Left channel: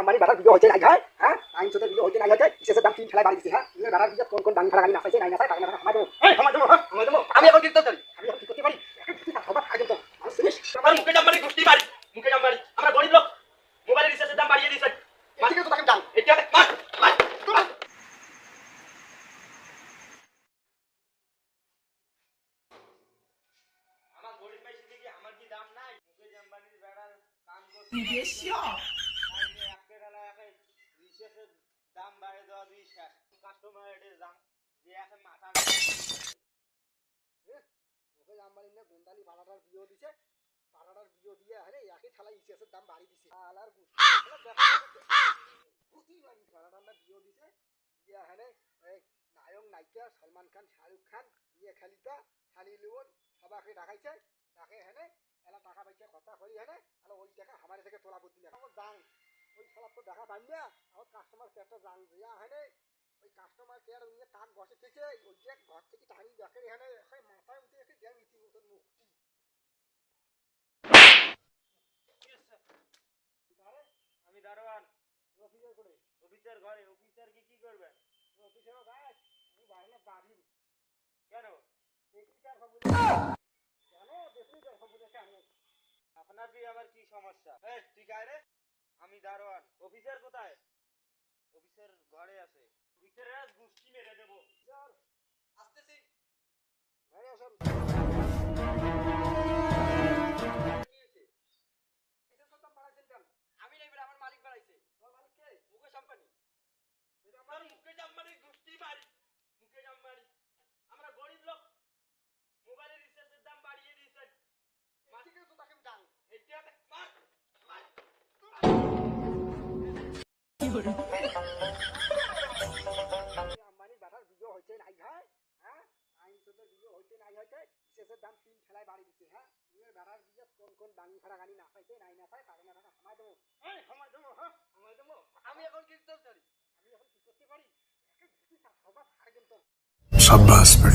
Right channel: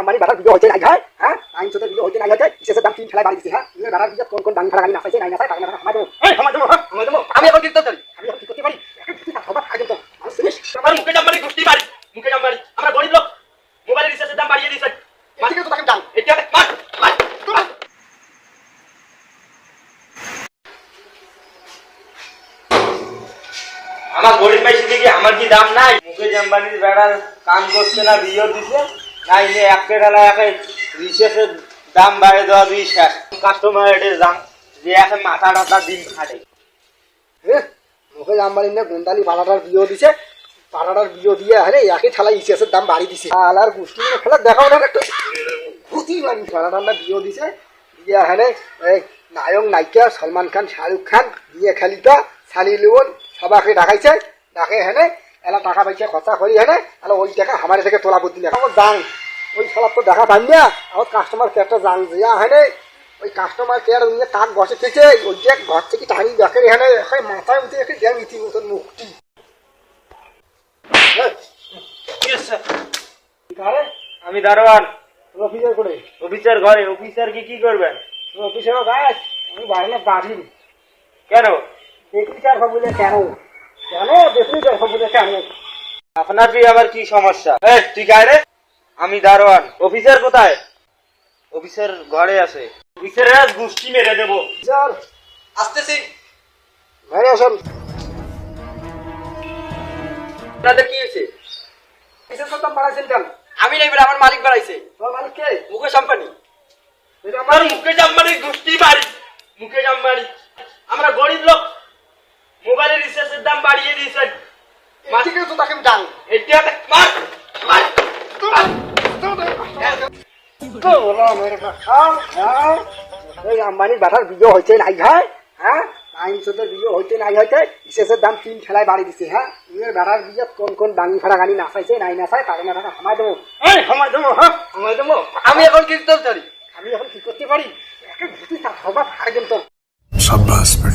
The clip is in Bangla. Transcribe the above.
আম্বানি বাটার ভিডিও হচ্ছে নাই হয় হ্যাঁ আইন চোদ্দ ভিডিও হচ্ছে নাই হচ্ছে শেষের দাম 3 ফেলায় বাড়ি দিচ্ছে হ্যাঁ বাটার ভিডিও কোন কোন দামি ফেলা গাড়ি নাচাইছে নাই নাচাই তার মানে সময় দেবো আমি এখন কীর্তন করি আমি এখন কি করতে পারি সবার আগে তো আমার মুকেশ আম্বানি গোষ্ঠী বাড়ি মুকেশ আম্বানি আমরা গরিব লোক মোবাইলের রিচার্জের দাম বাড়িয়ে দিয়েছেন ঠিক তো তাকে জান এটা মার মার আমার গরিব ভাই শিখে কি আমার কি দাম নাই মুকেশ আম্বানির বেড়ার কাম করছে না ভিডিও দিচ্ছে নাই যে একটা ঢালা একে রিচার্জের দাম বাড়িয়ে দেওয়া দুই শেষ কাস্টমারের দাম যে এখন মাথা টাথা দিন খাটে মুকেশ আম্বানি না গোন্দালি পাড়াটার বিয়ে দিছে পাড়াটার বিয়ে দিয়ে আরে একই ঠেলা ইসিএসের দাম বাড়ি দিছে আলার গোষ্ঠী খেলা দেখাও না একটু ঘুতি মানি পাড়াটার না বিয়ে দিছে দিয়ে হ্যাঁ এই নায়ক নায়িকা সলমান খান শাহরুখ খান দিয়ে খেলিতা সানি লিওন সবাইকে ডাকাইছে ডাকে হ্যাঁ এলা টাকা পয়সা খরচা করি হ্যাঁ তাহলে ওই টাকা আমার থেকে তোলা করতে না আমার যাং ওই সবার তো দেখা পাই না আমার কাস্টমার কেয়ারটা যাং দিয়া হ্যাঁ ওই কাস্টমার কেয়ার নিয়ে তাক বসে থেকে ওই যে ঘর থেকে টানি দেখে হ্যাঁ মাথায় উঠে এসে দেন ইতি মতন মুক্তি আমি দারোয়ান অফিসার করে অফিসার ঘরে অফিসার কি করবেন অফিসার গাছ আমি বাইরে বাড়ি কেন দেখি চার বলে কেন কেন দেখি চার বলে কেন আপনার কি আবার কি সমস্যা ঠিক আছে আমি দারোয়ান অফিসার কোথায় অফিসার ঘরে আছে অফিসারের গোষ্ঠী মেরে দেবো স্যার আসতেছি ঘরে আসুন আপনাদের কি হয়েছে কিসের দাম বাড়াইছেন কেন আমি নাই বলে আমার মালিক বাড়াইছে তোমার মালিক কে মুকেশ আম্বানি এটা আমার মুকেশ আম্বানির গোষ্ঠী বাড়ি মুকেশ আম্বানি আমরা গরিব লোক মোবাইলের রিচার্জের দাম বাড়িয়ে দিয়েছেন ঠিক আছে তো তাকে জান এটা মার মার এই আম্বানির বাটার বিয়ে হয়েছে নাই হয় হ্যাঁ আইন চোদ্দের বিয়ে হইতে নাই হইতে শেষের দাম 3 ফেলায় বাড়ি দিচ্ছে হ্যাঁ ইয়ের বাটার বিয়ে কোন কোন দামি ফাড়া গাড়ি নাচাইছে নাই নাচাই তার মানে সময় দেবো সময় দেবো হ্যাঁ সময় দেবো আমি এখন কীর্তন করি আমি এখন কি করতে পারি একে ঘুরতে সবার আগে তো शाबाश बेटा।